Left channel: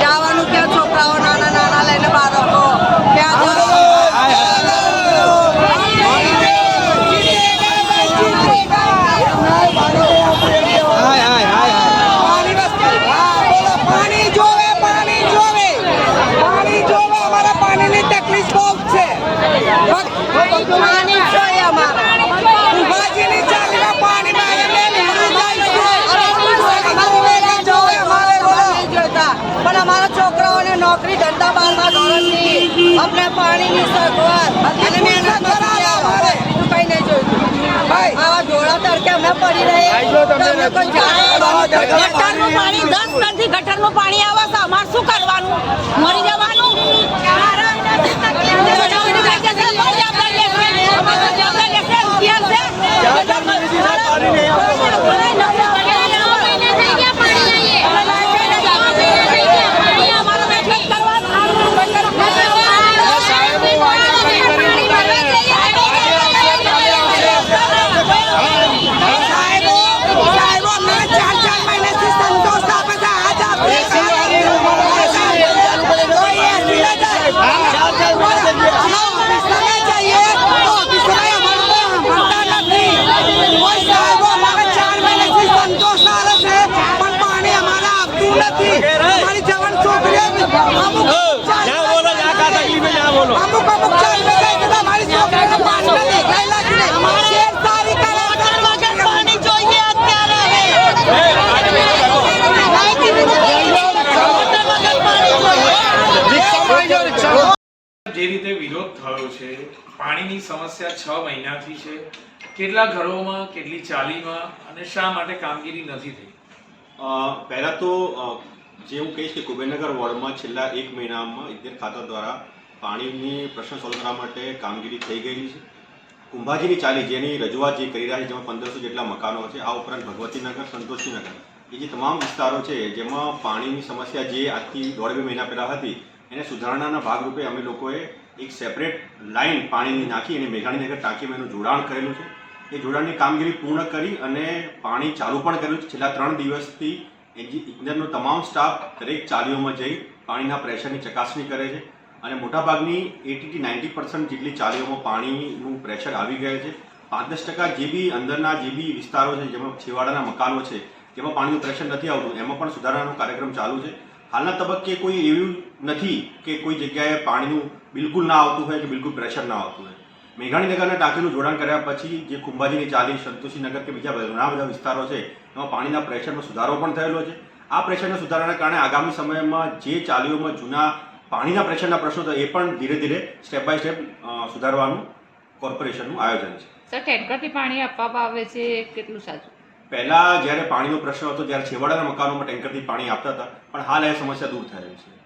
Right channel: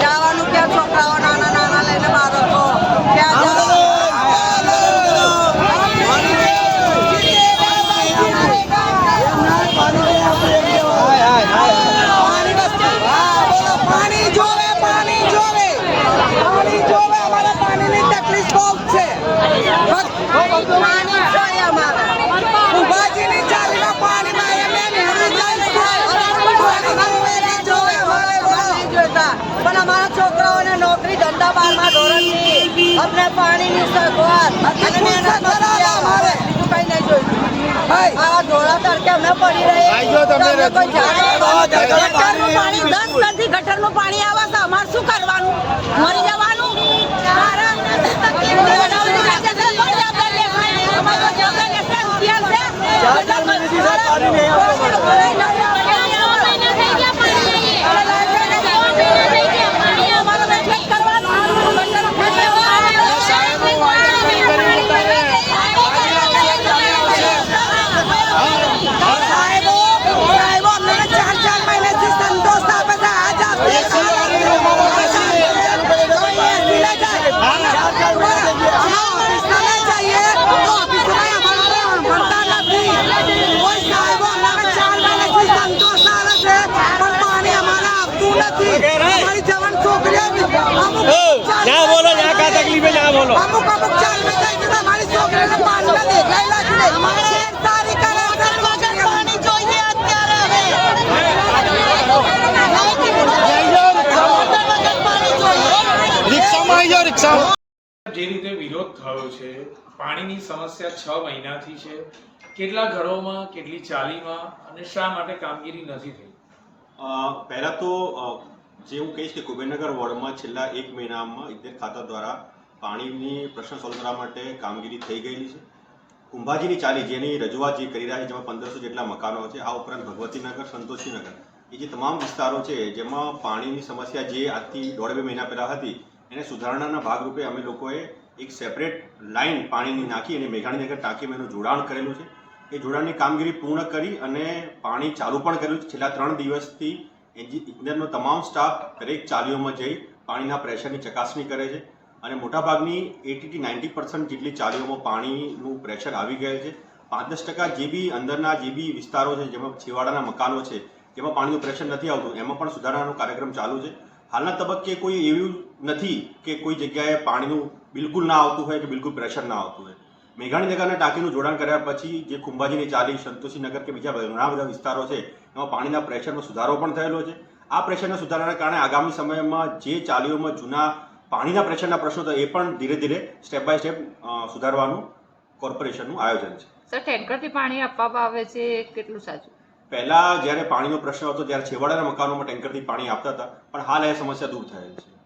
જવાનું ક્યાં છોકરાઓ નાના નાના લઈને બાળકો પાણી જોવે અમારા પાણીની તકલીફ બહુ છે પાણી જોઈએ અમારે ઉભાજીની ચાલીમાં પાણીમાં એમને નેહરું જાય પણ અમારા છોકરાઓને નોકરી ધંધા 12મા ધોરણથી અમને પાણીની સગવડ અને મહેનત બીજું કઈ નહીં જોઈતું આવા ઢોળા તડકે અમે પડી રહીએ પાણી 10 ટનથી ગટરનું પાણી આવે છે અમારે શું કરવાનું મરી જવાનું અમુક ચાલ में कहीं तो हमारी छोकरी ने पानी में देखाई लागी नहीं सारी પાણી જોઈએ અત્યારે જે રીતે વિરોધ થયો છે પાણીની સમસ્યા 6 મહિનાથી છે કેટલા ઘરોમાં કેટલી ચાલીમાં અને શા માટે કામગીરી નથી થઈ પહેલા તો જે હું કહીશ કે કુબેરનગર વોર્ડમાં છેલ્લા 1 મહિનામાં ઇજનેર ખાતા દ્વારા પાણીની પ્રશ્ન સોલ્વ કરવા માટે કામગીરી થઈ ગયેલી છે કુંભાજીની ચાલી જેની રજૂઆત જે કરી રહ્યા છે જેમાં 1500 જેટલા મકાનો છે આ ઉપરાંત ભગવતીનગર સંતોષીનગર એ જે તમામ વિસ્તારો છે જેમાં પાણીની સમસ્યા જે આજથી 1.5-2 મહિના પહેલાં હતી એને સુધારણાના ભાગરૂપે અમે લોકોએ એક સેપરેટ લાઇન પાણીની નાખી અને મેઘાણીનગર ટાંકીમાં એનું જોડાણ કરેલું છે એ જોડાણની કામગીરી પૂર્ણ કરી અને પાણી ચાલુ પણ કર્યું છે છેલ્લા 3 દિવસથી ઇજનેરનો તમામ સ્ટાફ દરેક ચાલીઓમાં જઈ પાણીના પ્રેશરની ચકાસણી કરે છે અને મોટાભાગની 80-90% જેટલી ચાલીઓમાં પાણીનું પ્રેશર આવી ગયેલ છે 5-10% જે બી અંદરના જે બી વિસ્તારો છે જેમાં છેવાડાના મકાનો છે જેમાં પાણીનું પ્રેશર નથી આવતું એમાં પણ સુધારણાનો કાર્યક્રમ ચાલુ છે હાલના તબક્કે કોઈ એવું નથી કે કોઈ જગ્યાએ પાણીનું બિલકુલ ના આવતું હોય કે બિલકુલ પ્રેશર ના આવતું હોય મેઘાણીનગરના ટાંકીનું જોડાણ કર્યા પછી જે કુંભાજીની ચાલી સંતોષીનગર કે બીજા ઘણા બધા વિસ્તારો છે એમાં પાણીના પ્રેશરમાં સુધારો પણ થયેલો છે આ પ્રેશરના સુધારાના કારણે આગામી સમયમાં જે ચાલીઓમાં જૂના પાણીના પ્રેશરના પ્રશ્નો તો એ પણ ધીરે ધીરે સ્ટેપ બાય સ્ટેપ સુધારવાનું કોર્પોરેશનનું આયોજન છે સર ટેન્કરથી પાણી આપવામાં આવે છે કેટલું સાચું પહેલાં જ્યારે પાણીનો પ્રશ્ન હતો ત્યારે છેવાડાના મકાનોમાં ટેન્કરથી પાણી આપતા હતા પણ હાલ એ સમસ્યા દૂર થયેલ છે